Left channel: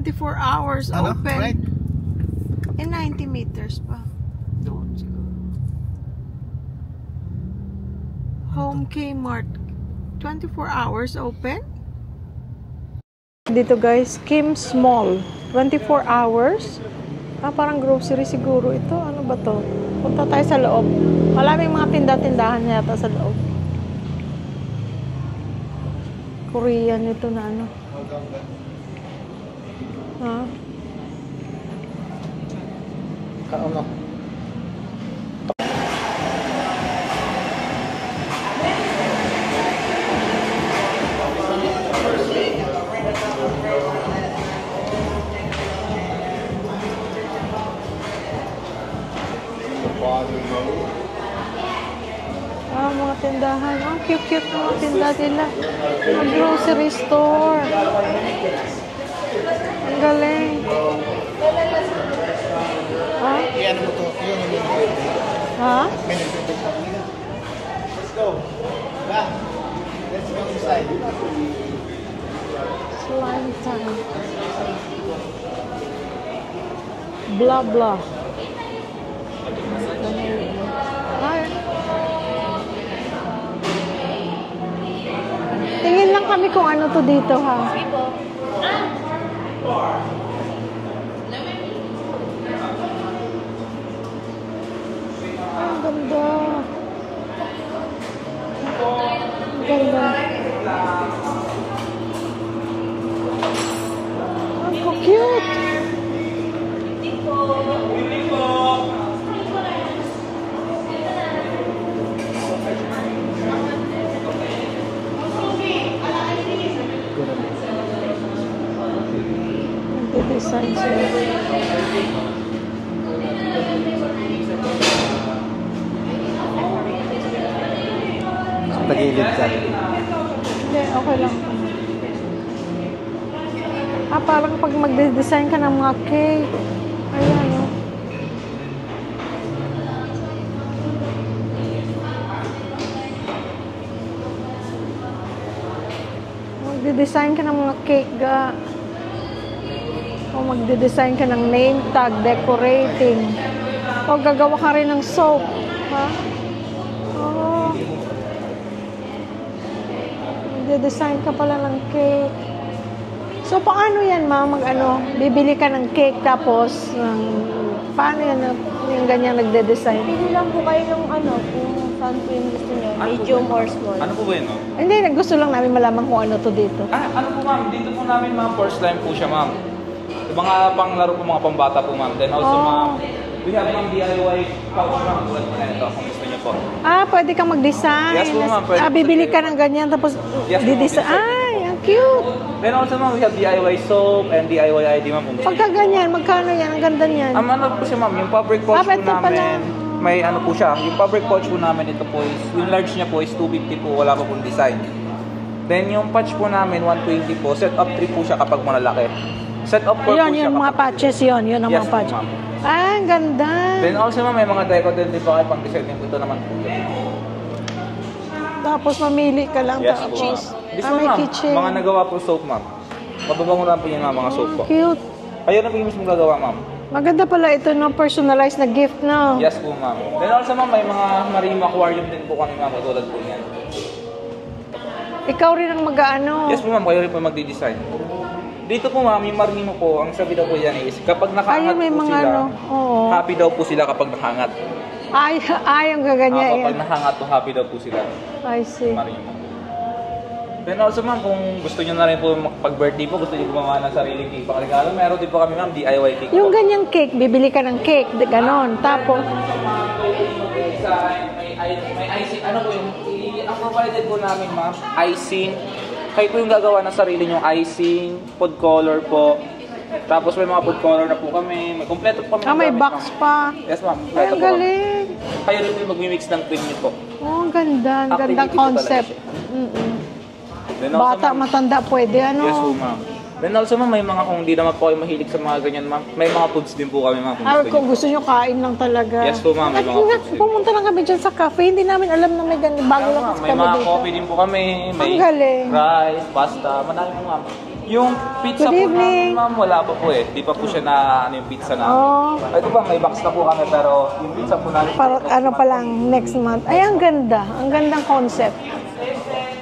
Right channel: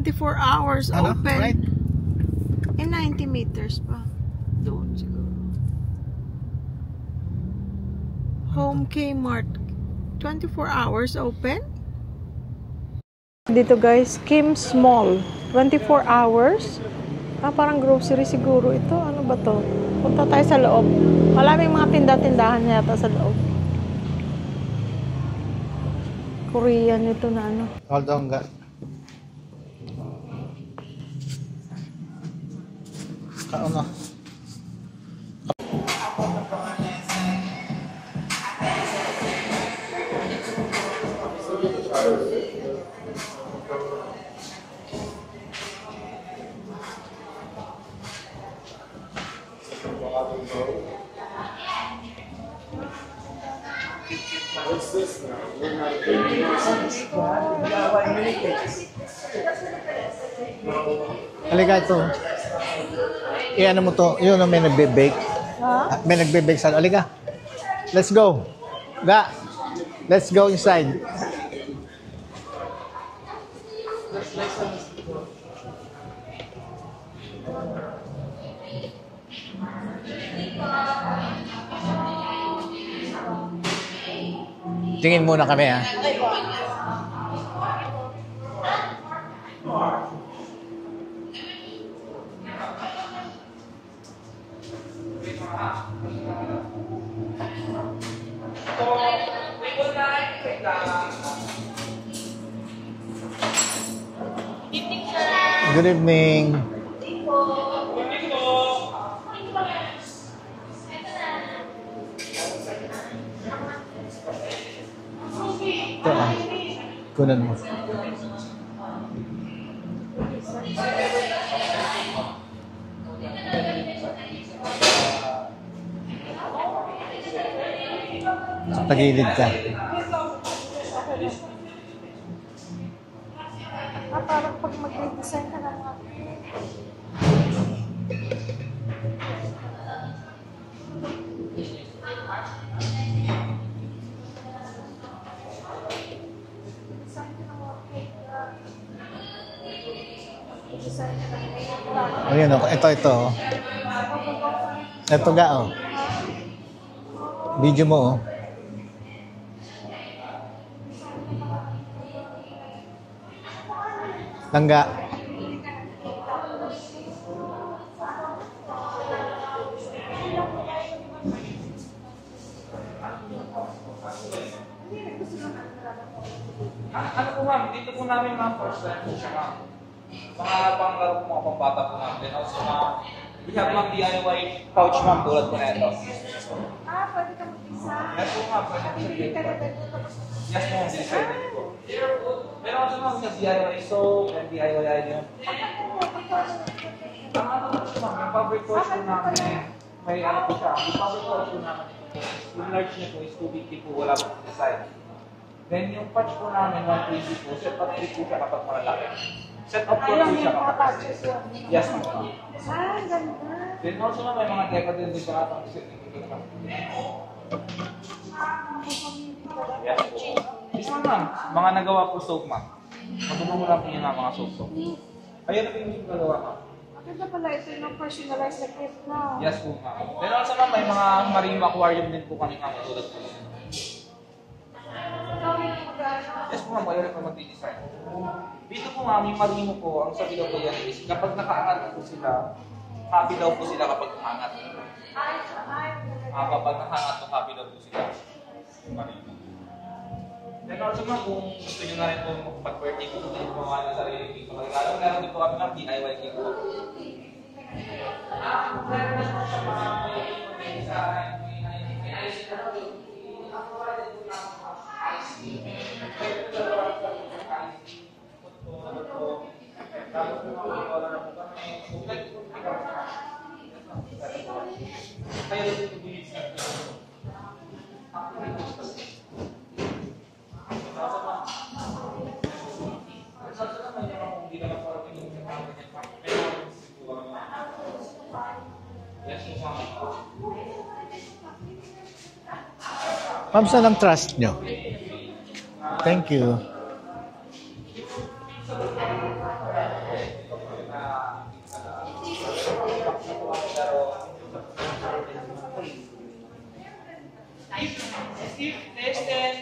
24 hours Ano? open. Right? And 90 meters pa. Doon siguro. Home Kmart. 24 hours open? Dito guys, Kim's Mall. 24 hours. Parang grocery siguro ito. Ano ba to? Punta tayo sa loob. Maraming mga tinda-tindahan yata sa loob. Korean ito na ano. Hold on ka. Ha? Ano? Mga tindahan. Cute-cute mga tinda nila. Grocery store. Ang galing. Halika ito. Ha? I-ano mo to. Yun na may nagbe-bake. Ha? May nagbe-bake sa... Halika. Let's go. Ga. Let's go inside. Slime time. Blah blah. Ay. Tingin muna kami ha. Tingin lang kami kung ano to dito ha. Ang ganda. Ang ganda. Ang cute. Good evening. Good evening. Nagde-design sila. Sa tagilid ka. Hindi, okay lang. Parang pag magde-design ka ng mga cake. Ayan, oh. Magde-design ka ng mga cake, ga. O magde-design ka ng name tag, decorating. Ito. O gagawa ka rin ng soap. Ito ga, oh. Ha? Oh. Video mo, oh. Magde-design ka pala ng cake. So, paano yan, ma'am? Ano, bibili ka ng cake tapos, paano yan, yung ganyan nagde-design? Pili lang po kayo yung ano, kung saan po yung gusto nyo, medium or small. Ano po ba yun, ma'am? Hindi, gusto lang namin malaman kung ano to dito. Ano po, ma'am? Dito po namin mga first time po siya, ma'am. Yung mga panglaro po, mga pambata po, ma'am. Then also, ma'am, we have ma'am DIY pouch, ma'am, tulad po na ito, kung gusto niyo po. Pwede kang mag-design. Yes po, ma'am. Bibili ka ng ganyan tapos Yes, di-design. yes, Ay, ang cute. Then also, ma'am, we have DIY soap and DIY ID, ma'am, kung gusto Pagka niyo. ganyan, magkano yan? Ang ganda niyan. Ano po siya, ma'am? Yung fabric pouch po ito pala. namin, may ano po siya. Yung fabric pouch po namin, ito po is, yung large niya po is 250 po, wala pa pong design. Then yung patch po namin, 120 po. Set up 3 po siya kapag malalaki. Set up 4 po siya Yung mga patches yun. Yun ang Yes, mga patches. ma'am. Ang ganda. Then also, ma'am, may mga decorative din pa kayo pang design. Ito naman po yun. Tapos mamili ka lang. Yes, tapos. po. This May one, ma'am, kitchen. mga nagawa po soap, ma'am. Mababango lang po yun, ma'am, mga soap po. Cute. Kayo na po yung mismo gagawa, ma'am. Maganda pala ito, no? Personalized na gift, no? Yes po, ma'am. Then also, ma'am, may mga marine aquarium din po kami, ma'am. Tulad po yan. Ikaw rin ang mag-ano. Yes po, ma'am. Kayo rin po magdi-design. Dito po, ma'am, yung marino po, ang sabi daw po yan is, kapag nakaangat may po mga sila, ano. Oo. happy daw po sila kapag nakaangat. Ang gaganyan. Kapag nakaangat po, happy daw po sila. I see. Marino. Then also, ma'am, kung gusto nyo na rin po pag-birthday po, gusto nyo gumawa ng sarili cake pang-regalo, meron din po kami, ma'am, DIY cake Yung po. ganyang cake, bibili ka ng cake, ganon. Tapos, May icing, ano po yung, ang provided po namin, ma'am, icing. Kayo po yung gagawa ng sarili nyo, icing, food color po. Tapos may mga food color na po kami, may kompleto po kami. may gamit, box ma'am. pa. Yes, ma'am. Ay, Kompleto ang po kami. galing. Kayo rin po yung mag-mix ng cream nyo po. Oh, ang ganda. Ang gandang Activity po concept. talaga Mm-mm. Then also, Bata, ma'am, matanda, pwede ano. yes po, ma'am. Then also, ma'am, may mga, kung hindi naman po kayo mahilig sa mga ganyan, ma'am, may mga foods din po kami, ma'am, kung gusto Kung nyo. gusto nyo, kain lang talaga. Yes po, ma'am, may mga foods din. Pumunta lang kami dyan sa cafe. Hindi namin alam na may ganyan. Bago lang May kami. mga Sa ng coffee trust po kami, may Ang galing. rice, Thank you. pasta, madami po, ma'am. Yung pizza Good po evening. namin, ma'am, wala pa po eh. Di pa po siya na ano yung pizza namin. Oh, Ito ba, may box na po kami pero yung pizza po namin. para, ano pa lang, next month. Ay, ang ganda. Ang gandang concept.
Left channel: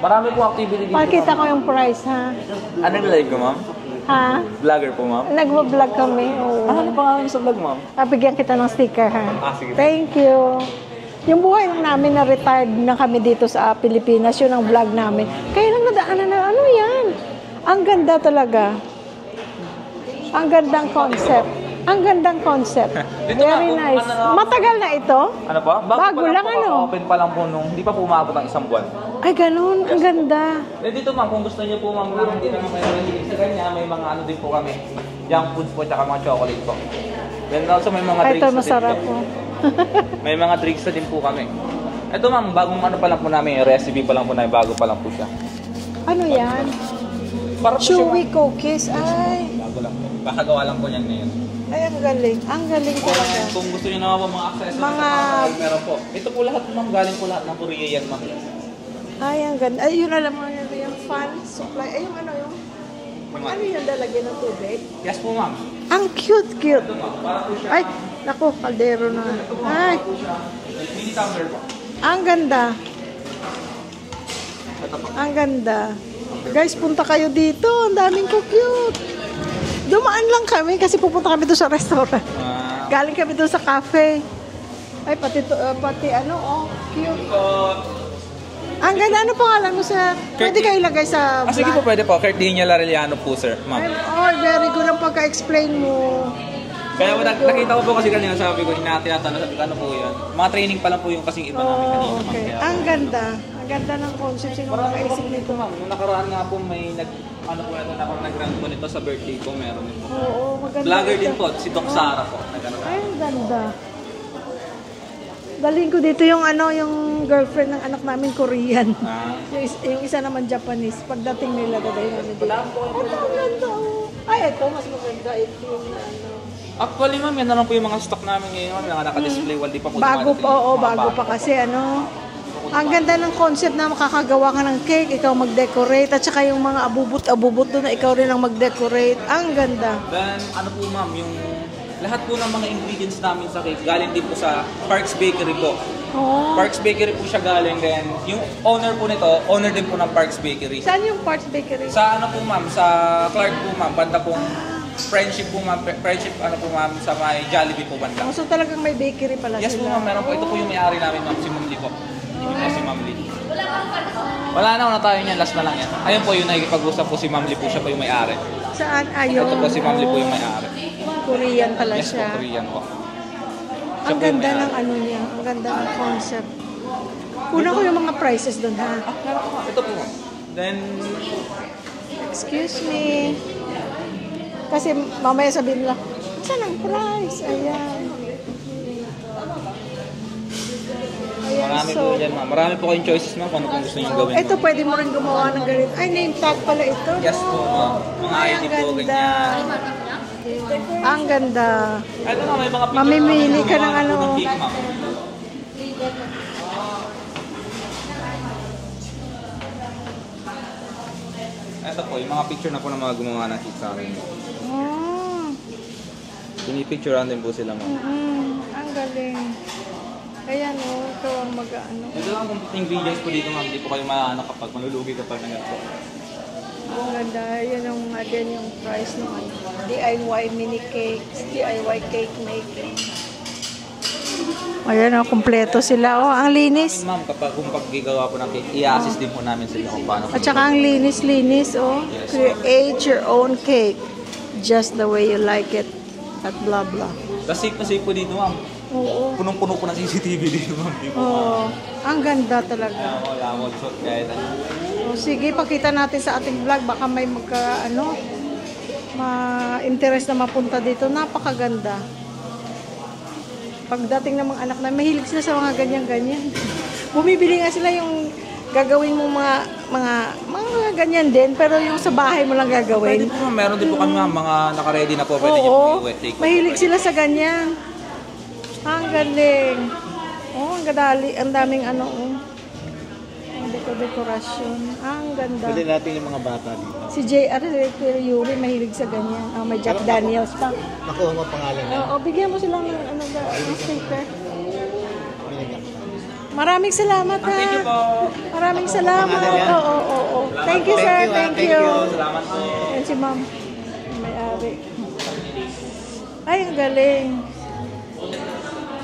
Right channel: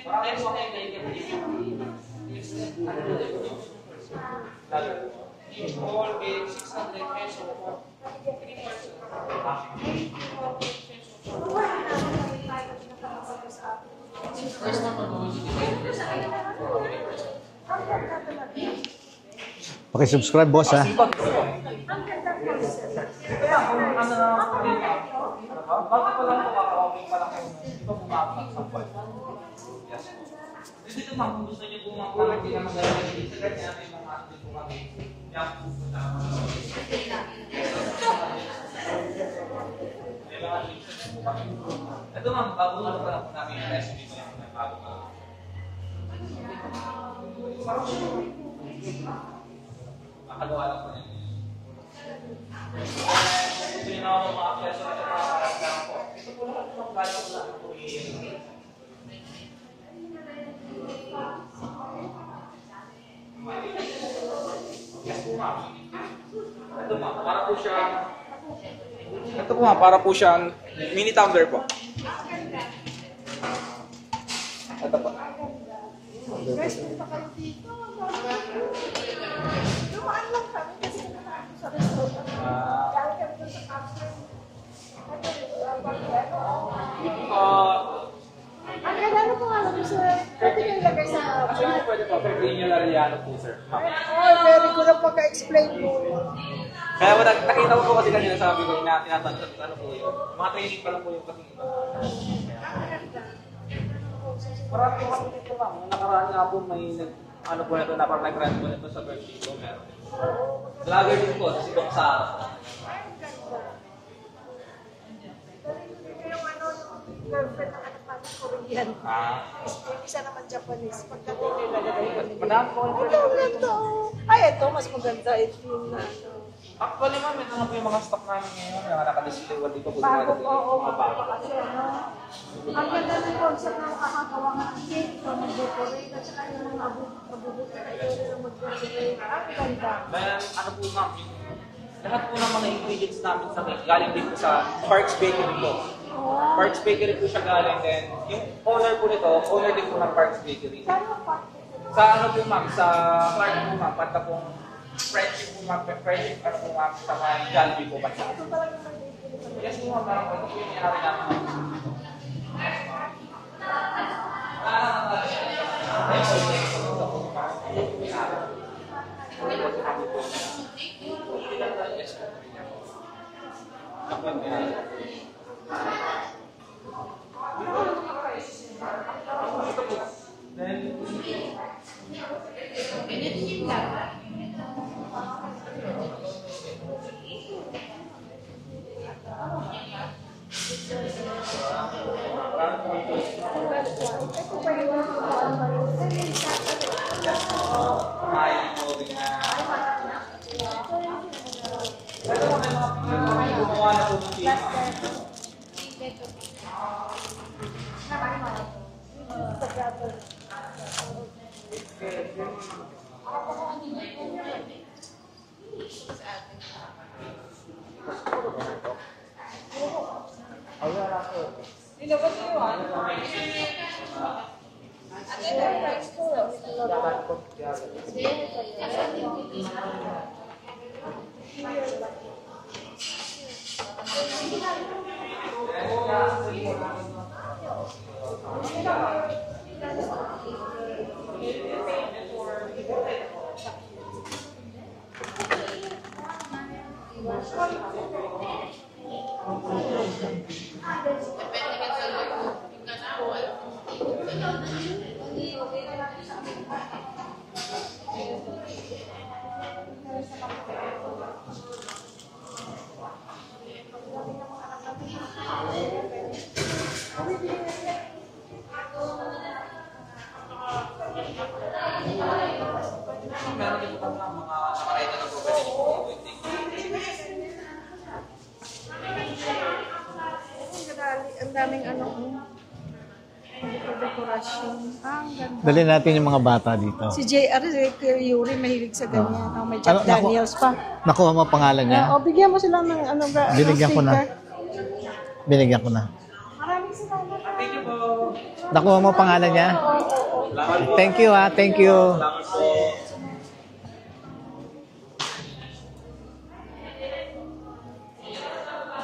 Marami po activity dito. Pakita ko yung price, ha? Ano live ko, ma'am? Ha? Vlogger po, ma'am? Nagvo-vlog kami. Oo. Ano pa nga sa vlog, ma'am? Bigyan kita ng sticker, ha? Sige. Thank you. Yung buhay lang namin na retired na kami dito sa Pilipinas, yun ang vlog namin. Kaya lang nadaanan na, ano yan? Ang ganda talaga. Ang Subscribe boss ha. gandang concept. Ang gandang concept. Dito Very nga, nice. ano, Matagal na ito? Ano pa? Bago pa lang, po, ano? Open pa lang po nung, hindi pa po umabot ang isang buwan. Ay, ganun. Ang ganda. Eh dito ma'am, kung gusto niyo po ma'am, hindi naman kayo mahilig sa ganyan, may mga ano din po kami. Junk foods po, tsaka mga chocolate po. Then also may mga Ay, drinks ito na masarap din po. po. May mga drinks na din po kami. Ito ma'am, bagong ano pa lang po namin, recipe pa lang po namin, bago pa lang po siya. Ano yan? Para po siya, Chewy cookies. Ay, bago lang po. Kakagawa lang po niyan ngayon. ay, ang galing. Ang galing talaga. Kung gusto niyo naman mga accessories, Mga- meron po. Ito po lahat ma'am, galing po lahat ng Korea yan ma'am. Ay, ang ganda. Ay, yun alam mo yun. Yung fan supply. Ay, yung ano yung... Ano yung lalagyan ng tubig? Yes po ma'am. Ang cute. Ito ma'am, para po siya. Ay, naku, kaldero na. Ito po ma'am, Ay, para po siya mini tumbler po. ang ganda. Ito po. Ang ganda. Guys, punta kayo dito. Ang daming cute. Dumaan lang kami kasi pupunta kami doon sa restaurant. Galing kami doon sa cafe. Ay, pati ano, oh, cute. Ang ganda. Ano pangalan mo sa... Pwede kayo ilagay sa Sige po, vlog? pwede po. Cardenia Larellano po, sir. Ma'am. Oh, very good ang pagka-explain mo. Kaya nakita ko po kasi kanina sabi ko, tinatanong sabi ko, ano po yan. Mga training pa lang po yung kasing iba namin kanina. Oh, ma'am. okay. Kaya, Ang ganda. Ang ganda ng concept. Sino nakaisip nito? ma'am, nung nakaraan nga po may ano po ito, dapat nag-run po nito sa birthday ko, meron din po. Oo, maganda. Vlogger din po, si Doc Sara po. Nag-ano. Ay, ang ganda. Dalhin ko dito yung ano, yung girlfriend ng anak namin Korean. Yung isa naman Japanese. Pagdating nila, dadahin namin dito. Oh, ang ganda. Oh. Ay, eto, mas maganda ito. Yung ano. Actually, ma'am, yan na lang po yung mga stock namin ngayon. Mga naka-display, wal di pa po Bago dumadating pa, oo, yung mga bago pa kasi ano. Ang ganda ng concept na makakagawa ka ng cake, ikaw mag-decorate, at saka yung mga abubot doon na ikaw rin ang mag-decorate. Ang ganda. Then, ano po ma'am, yung lahat po ng mga ingredients namin sa cake, galing din po sa Parks Bakery po. Oh. Parks Bakery po siya galing, then yung owner po nito, owner din po ng Parks Bakery. Saan yung Parts Bakery? Sa ano po ma'am, sa Clark po ma'am, banda pong friendship po ma'am, friendship ano po ma'am, sa may Jollibee po banda. Oh, so talagang may bakery pala Yes po sila. ma'am, meron po. Ito po yung may-ari namin ma'am, si Ma'am Lee po. Hindi po si Ma'am Lee. Wala na tayo niyan, last na lang yan. Ayun po yung nakikipag-usap po si Ma'am Lee po, siya po yung may-ari. Saan? Ayun. Ito po si Ma'am Lee po yung may-ari. Korean pala Yes po, siya. Korean po. Ang ganda ng ano niya. Ang ganda ng concept. Una ko yung mga prices doon, ha? Ito po ma'am. Then, Excuse me. Kasi mamaya sabihin nila, saan ang price? Ayan. Ayan, marami so, po dyan ma'am. Marami po kayong choices ma'am kung ano gusto nyo gawin. ito pwede mo rin gumawa ng ganito. Ay, name tag pala ito. Yes po ma'am. Mga ID Ang po, ganda. ganyan. Ang ganda. Ito ma'am, may mga picture Mamimili ka ng gumawa ano. po ng cake, ma'am. Ito po, yung mga picture na po ng mga gumawa ng cake sa amin. Oh, Pinipicturean din po sila ma'am. ang galing. Ayan, oh, ito ang mag-ano. Ito lang yung ingredients po dito ma'am. Hindi po kayo maano kapag malulugi kapag Ang ganda. Yan ang mga din yung price ng ano, DIY mini cakes, DIY cake making. Ayan, oh, kompleto sila. Oh, ang linis. ma'am, kapag kung paggigawa po ng cake, i-assist din po namin sila kung paano. At saka ang linis-linis, oh. Create your own cake just the way you like it. At blah blah. Kasi po dito ma'am. Oo. Punong-puno po ng CCTV dito ma'am. Oh, ang ganda talaga. Wala mo shot kahit ano. Oh, sige, pakita natin sa ating vlog. Baka may ma-interest na mapunta dito. Napakaganda. Pagdating ng mga anak na, mahilig sila sa mga ganyan-ganyan. Bumibili nga sila yung gagawin mo mga ganyan din, pero yung sa bahay mo lang Pwede gagawin. po ma'am, meron din po kami ma'am, mga naka-ready na po. Pwede nyo po Oo, i-wet take. mahilig sila sa ganyan. Ang galing. Oh, ang gadali, ang daming ano. Ang dekorasyon. Ang ang ganda. Dali natin yung mga bata dito. Si J.R. Yuri mahilig sa ganyan. Oh, may Jack Ano, Daniels pa. Nakuha mo pangalan niya? Bigyan mo sila ng ano ba? Binigyan ko na. sticker. Binigyan ko na. Maraming salamat ha. Thank you po. Maraming Nakuha mo salamat. pangalan niya? Oo. Thank you, Thank sir. you, ha. Thank you. Salamat po. Yan si ma'am. May-ari. Ay, ang galing.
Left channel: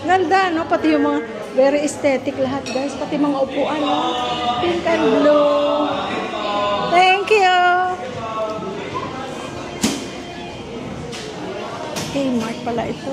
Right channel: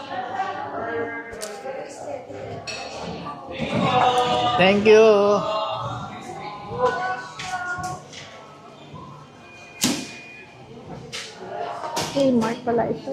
Ganda, no? Pati yung mga very aesthetic lahat, guys. Pati mga upuan. Thank you. Thank you. Kmart pala ito.